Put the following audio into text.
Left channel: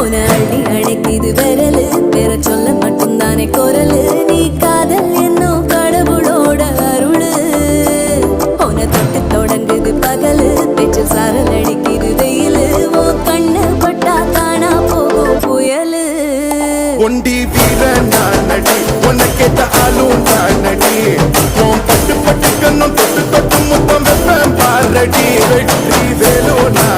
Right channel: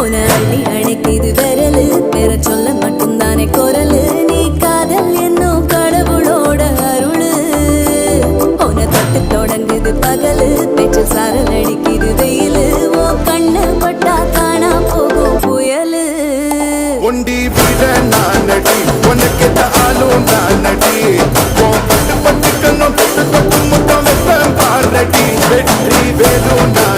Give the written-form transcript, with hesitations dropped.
உன அள்ளி அணைக்குது விரலு பெற சொல்ல மட்டும்தானே குரலு நீ காதல் என்னும் கடவுளோட அருளு உன தொட்டு தொடங்குது பகலு பேச்சில் சாரல் அடிக்குது வெயிலு ஓ கண்ணு பட்டா காணா போகும் புயலு ஒண்டி வீரன் நானடி உனக்கேத்த ஆளும் நானடி பட்டு பட்டு கண்ணம் தொட்டு தொட்டு முத்தம் வெப்பம் பாரடி வெற்றி வேலோ நான்